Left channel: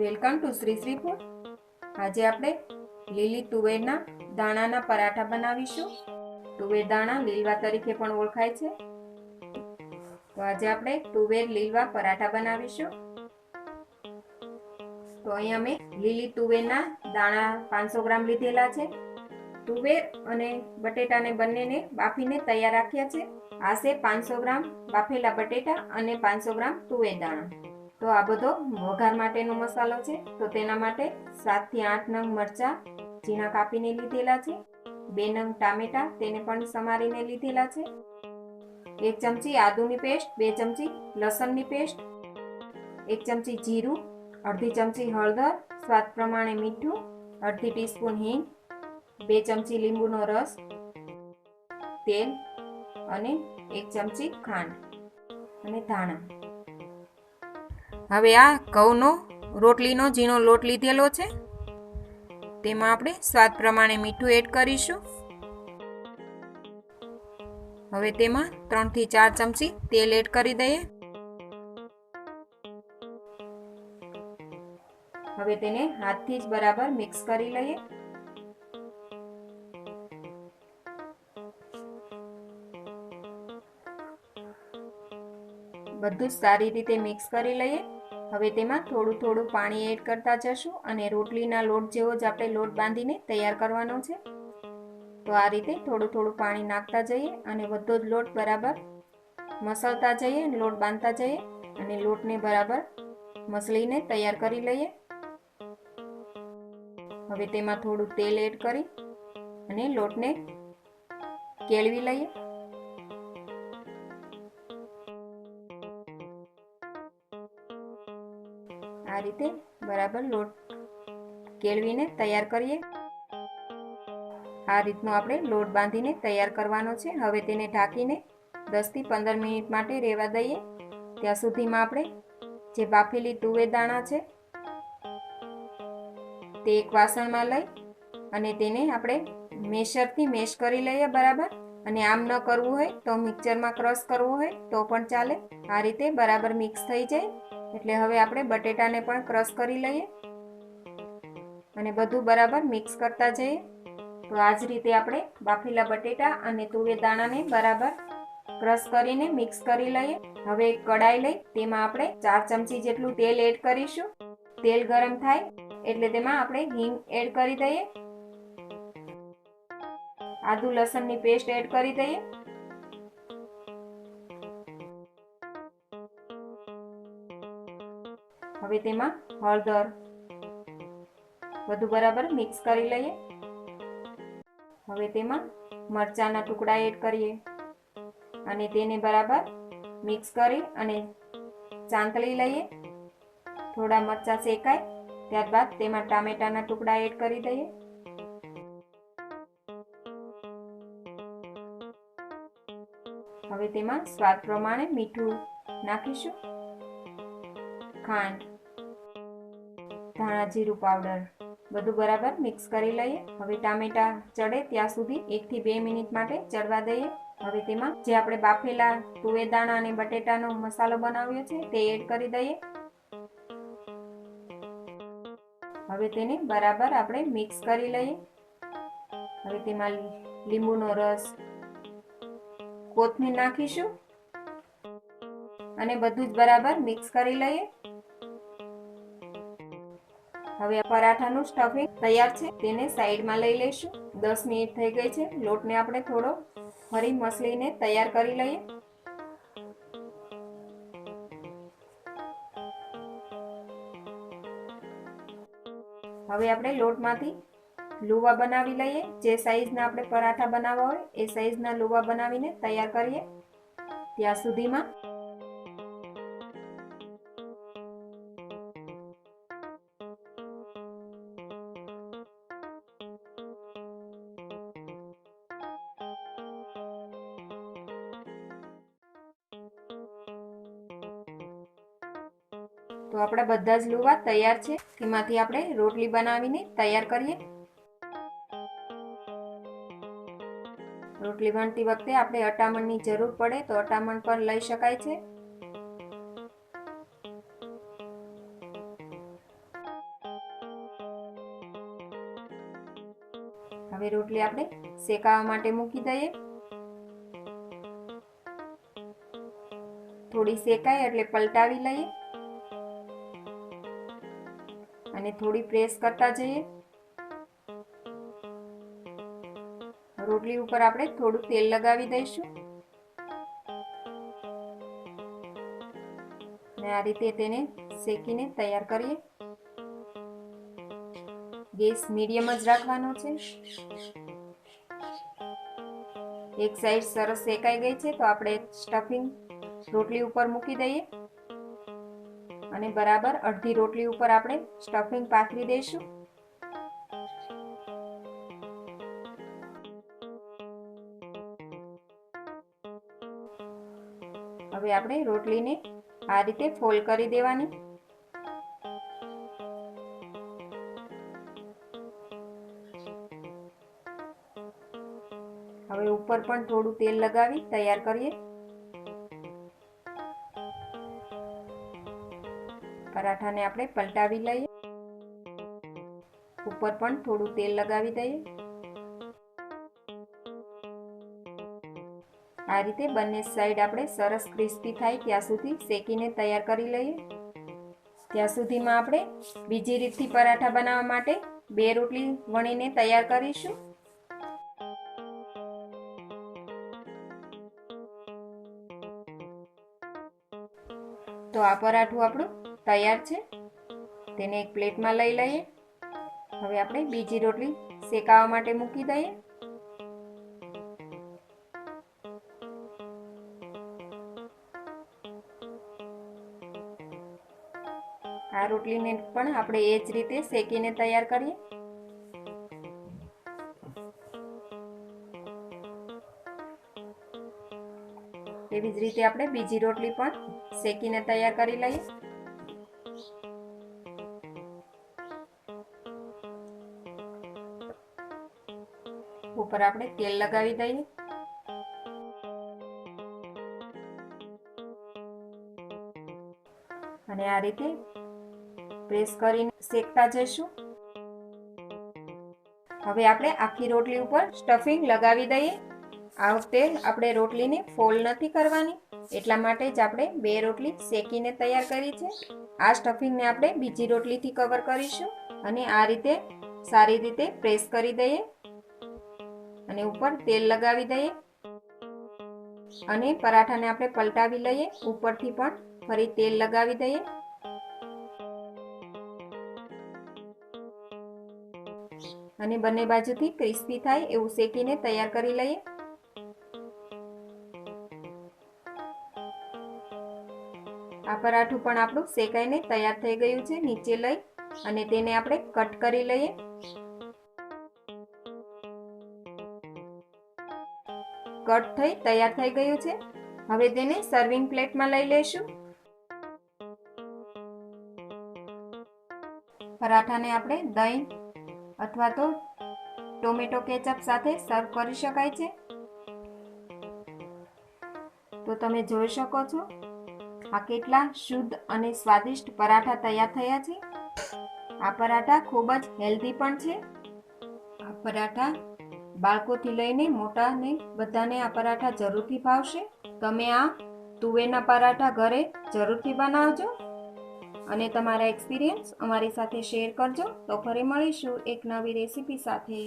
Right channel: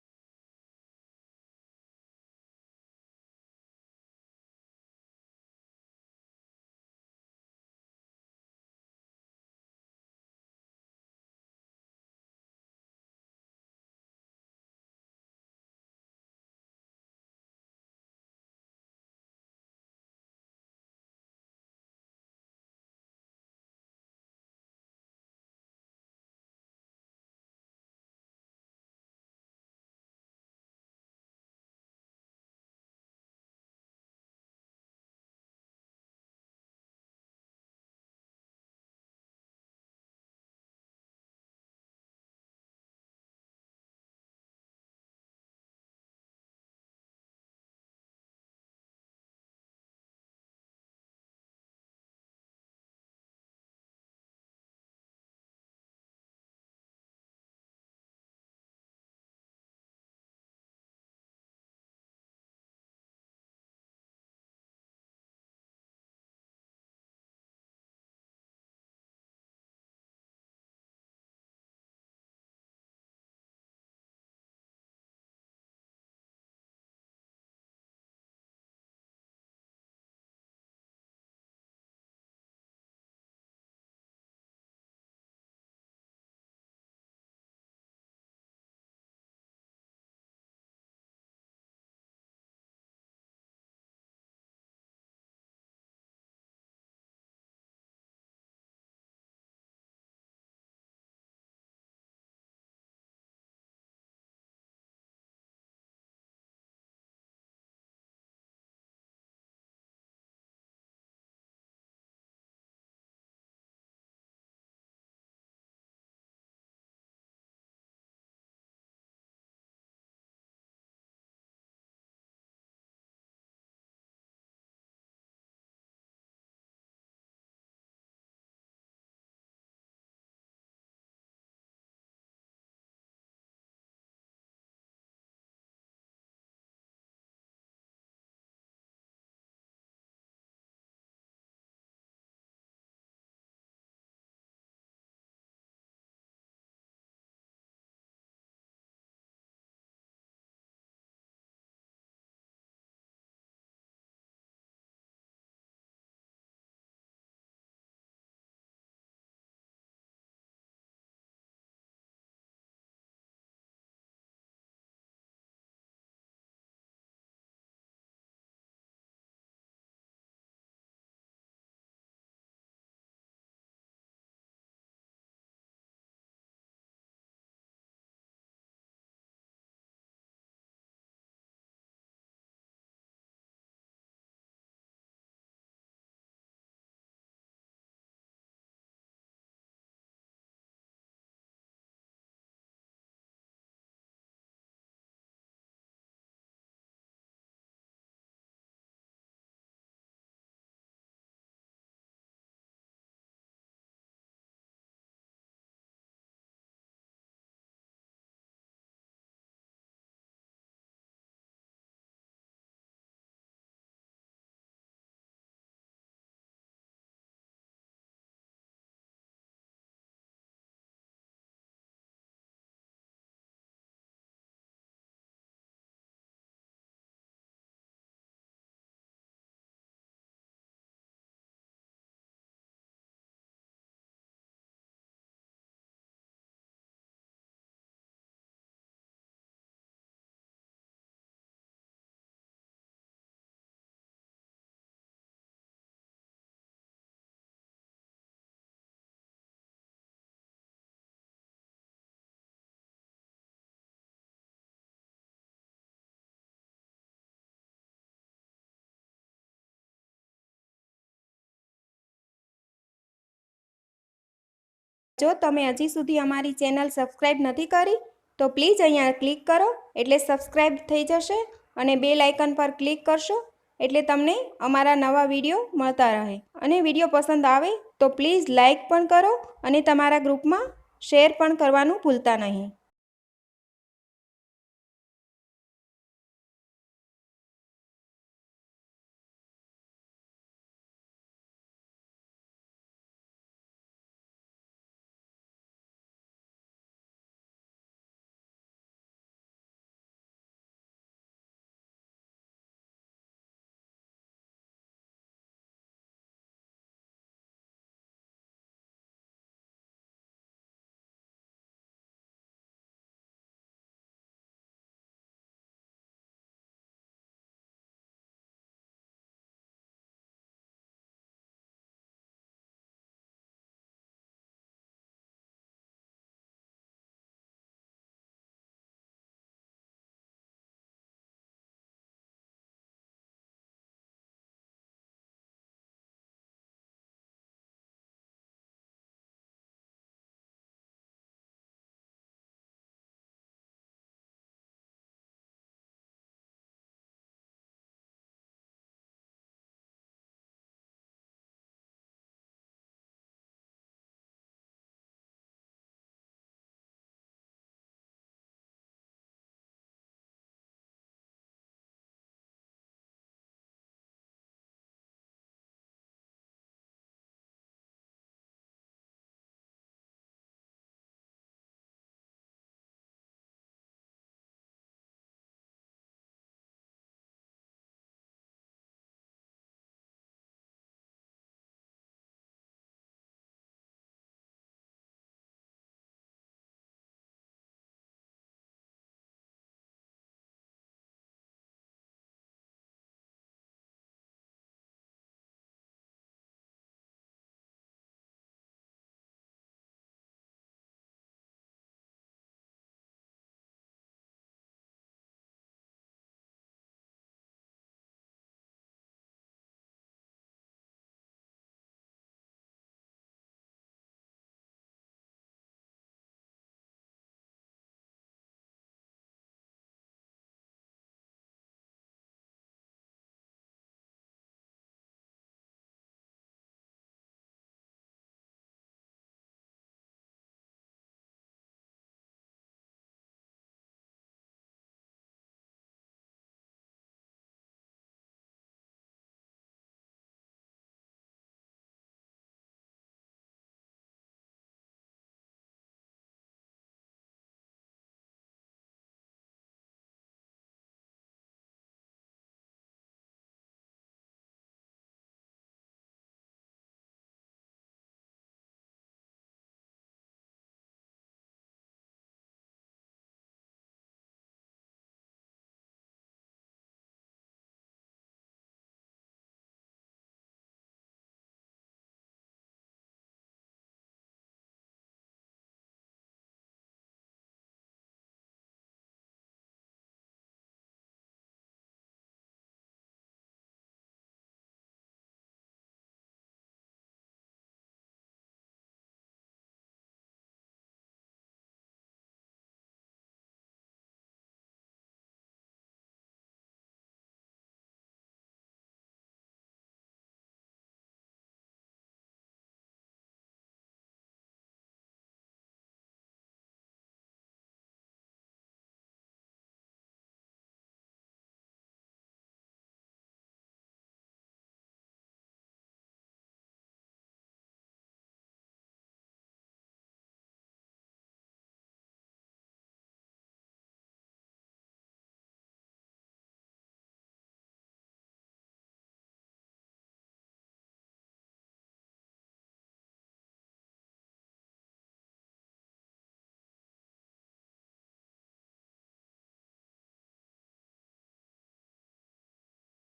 Welcome to Shri Shri food. આજે આપણે લીલી તુવેરના દાણાના પરાઠા બનાવીશું। તુવેર દાણા લીલવા તરીકે પણ ઓળખાય છે। તો આજે આપણે તુવેર લીલવા પરાઠા બનાવીશું। તો અહીંયા મેં લીલી તુવેરના દાણા 500 ગ્રામ લીધેલા છે। તુવેર અને બટેટાને બંનેને બાફીને તૈયાર રાખ્યા છે। આ છે 500 ગ્રામ બાફેલા બટેટા અને 500 ગ્રામ તુવેર દાણા। તો આ બધો વઘાર માટેનો મસાલો છે। તો તેના માટે 7 થી 8 નંગ મરચાં ઝીણા કાપીને લીધેલા છે। 2 નંગ ટામેટા તેને પણ સમારીને લીધેલા છે। 1 ચમચી આદુની પેસ્ટ, 2 ચમચી લસણની પેસ્ટ, 1 ચમચી જીરું, અડધી ચમચી હળદર, સ્વાદ પ્રમાણે મીઠું, અડધી ટીસ્પૂન હિંગ, 2 ચમચી લીંબુનો રસ, તેલ અને 1 ચમચી ખાંડ અને ધાણા। હવે આ ઘઉંનો રોટલીનો ઝીણો લોટ લીધેલો છે। તેમાં આપણે સ્વાદ પ્રમાણે મીઠું એડ કરીશું। હવે તેમાં 3 થી 4 ચમચી તેલ એડ કરી દઈએ। હવે તેને હાથથી જ બરાબર મિક્સ કરી લઈએ। બધું જ સારી રીતે મિક્સ કરી લઈએ। હવે તેમાં થોડું થોડું પાણી એડ કરતા જશું અને રોટલીના લોટ જેવો જ આપણે લોટ બાંધીને તૈયાર કરવાનો છે। તો આ રીતે થોડું થોડું પાણી નાખતા જઈએ અને બધો જ લોટ બરાબર મસળતા જઈએ, લોટ બાંધતા જઈએ અને લોટને બરાબર મસળીને તૈયાર કરી લઈએ। હવે તેમાં થોડું તેલ એડ કરી અને લોટને કેળવી લઈએ। આ રીતે બરાબર લોટ કેળવીને તૈયાર કરીએ। આ રીતનો આપણે લોટ બાંધીને તૈયાર કરવાનો છે। હવે તેને ઢાંકીને 10 થી 15 મિનિટ માટે રહેવા દઈએ। ત્યાં સુધીમાં આપણે જે બાફેલી તુવેર દાણા છે તે એક વાસણમાં લઈ અને તેને આપણે મેશરથી મેશ કરી લઈએ બરાબર। અને આમ ન કરવું હોય તો મિક્સરમાં ક્રશ કરવું હોય તો પણ ચાલે। આ રીતે બરાબર મિક્સ થઈ જાય એટલે હવે આપણે બટેટાને પણ ક્રશ કરી લઈએ અને બધું બરાબર મિક્સ કરતા જઈએ। તો આ જ રીતે આપણે બાફેલા બટેટા અને તુવેર દાણાને બરાબર ક્રશ કરીને મિક્સ કરી લઈએ। હવે એક કડાઈ લઈ તેમાં આપણે 4 ચમચી જેટલું તેલ એડ કરીશું। તેલ ગરમ થાય એટલે તેમાં આપણે હિંગ એડ કરી દઈએ, આદુ લસણની પેસ્ટ એડ કરી દઈએ, હવે તેમાં હળદર બધું બરાબર મિક્સ કરી લઈએ। હવે તેમાં મરચાંના ટુકડા એડ કરીએ અને તેને બરાબર મિક્સ કરી અને ચાંતળી લઈએ। થોડા મરચાં શેકાય ત્યારબાદ તેમાં ટામેટાના ટુકડા એડ કરી દઈએ। હવે તેમાં સ્વાદ પ્રમાણે મીઠું નાખીશું, ખાંડ, ધાણા જીરું પાવડર બધું બરાબર મિક્સ કરી લઈએ। હવે ટામેટા ચડે ત્યાં સુધી 1 થી 2 મિનિટ માટે ચડવા દઈએ। હવે તેમાં જે આપણે બાફેલા તુવેર દાણા અને બટેટાનો મસાલો બનાવ્યો છે તે એડ કરી દઈએ। હવે તેને બરાબર આપણે મિક્સ કરી લઈએ। હવે તેમાં લીંબુનો રસ, કોથમીર નાખીશું અને બધું જ બરાબર મિક્સ કરી લઈએ। હવે પરાઠાનું સ્ટફિંગ તૈયાર છે, તેને સાઈડમાં લઈ લઈશું। 10 મિનિટ થઈ ગઈ છે। લોટને આપણે થોડો ફરી મસળીને તૈયાર કરી લઈએ। હવે આપણે લોટમાંથી લુવા બનાવી લઈએ। જે સાઈઝના આપણે પરાઠા બનાવવા હોય એ સાઈઝના લુવા બનાવીને તૈયાર કરીએ। ત્યાં સુધીમાં જો તમે હજી સુધી અમારી ચેનલ સબસ્ક્રાઈબ નથી કરી તો પ્લીઝ અહીંયા ક્લિક કરો એટલે સબસ્ક્રાઈબ થઈ જશે અને બેલ આઇકન પર ક્લિક કરશો એટલે તમને અમારા નવા વિડીયો મળતા રહે। અને વિડીયો પસંદ આવે તો પ્લીઝ લાઈક પણ કરો અને તમારા ગ્રુપમાં શેર પણ કરવાનું ભૂલતા નહીં। તો આપણા બધા જ લુવા તૈયાર છે, તેમાંથી આપણે રોટલી બનાવીને તૈયાર કરીએ। રોટલી વણતી વખતે આપણે અટામણની જરૂર પડે તો અટામણ પણ લઈ શકાય છે। હવે રોટલી આપણે શેકાવા માટે મૂકી દઈએ. થોડી શેકાય એટલે પલટાવી લઈએ અને થોડી પ્રેસ કરતા જઈએ. રોટલી ઉપર આપણે થોડું તેલ લગાવી દઈશું અને આ રીતે તેને શેકીને તૈયાર કરીએ. ગેસ મીડિયમ જ રાખવાનો છે. એક સાઈડ સરસ શેકાઈ ગઈ છે તો આપણે સ્ટફિંગ રોટલી ઉપર મૂકી દઈએ અને બરાબર અડધી રોટલી ઉપર આપણે સ્ટફિંગ પાથરી દઈશું. હવે આપણે રોટલીને આ રીતે ફોલ્ડ કરી દેવાની. હવે ઉપર પણ થોડું તેલ લગાવી તૈયાર કરીએ. પરાઠાને આપણે પલટાવી લઈએ. ઉપર પણ થોડું તેલ લગાવી દઈએ. આ રીતે બંને સાઈડ આપણે સરસ ક્રિસ્પી થાય ત્યાં સુધી શેકીને તૈયાર કરી લઈએ. ત્યાં સુધીમાં આપણે બીજી રીતથી પરાઠા બનાવવા માટે 2 રોટલી વણીને તૈયાર કરીશું. તો આ પરાઠું આપણું તૈયાર છે. તેને એક પ્લેટમાં લઈ લઈએ. હવે આપણે બીજી રોટલી શેકાવા માટે મૂકી દઈએ. આ રોટલીને પણ આપણે એ જ રીતે શેકીને તૈયાર કરીએ. એવી જ રીતે આપણે બીજી રોટલી પણ શેકીને તૈયાર કરી લઈએ. ઉપર આપણે તેલ લગાવી દઈએ અને આ રીતે પ્રેસ કરીને શેકતા જઈશું. હવે આપણે આખી રોટલી ઉપર સ્ટફિંગ લગાવી દઈએ. આ વખતે આપણે રોટલીને ફોલ્ડ નથી કરવાની, એટલા માટે જ આપણે 2 રોટલી શેકીને તૈયાર કરી છે. આ સ્ટફિંગને આપણે બીજી રોટલીથી કવર કરીશું અને આ રીતે સારી રીતે પ્રેસ કરી દઈએ અને ઉપર તેલ લગાવી દઈએ અને પરાઠાને આપણે પલટાવી લઈએ. ઉપરથી પણ ફરી તેલ લગાવી દઈએ અને બંને બાજુથી ક્રિસ્પી થાય એવું શેકીને તૈયાર કરી લઈએ. આ પરાઠું પણ આપણું શેકાઈને તૈયાર થઈ ગયું છે. નીચે લઈ અને તેને આપણે કટ કરી લઈએ. કટ થઈ તૈયાર થઈ ગયું છે. હવે તેને સર્વિંગ પ્લેટમાં લઈ લઈશું. પરાઠાને આપણે દહીં અથવા તો ટોમેટો કેચઅપ સાથે સર્વ કરી શકાય છે. તો તમે જોઈ શકો છો આ કેટલા શુદ્ધ અને સ્વાદિષ્ટ પરાઠા તૈયાર થયા છે. આ પરાઠા ખૂબ જ હેલ્ધી પણ છે. આ પરાઠા બાળકોથી લઈને મોટાને બધાને આ પરાઠા જરૂરથી ભાવશે. તમે આ તુવેરના પરાઠા ઘરે જરૂરથી બનાવજો અને તમારા એક્સપિરિયન્સ અમારી સાથે શેર કરજો. તો ફરી મળીશું એક નવી રેસીપી સાથે.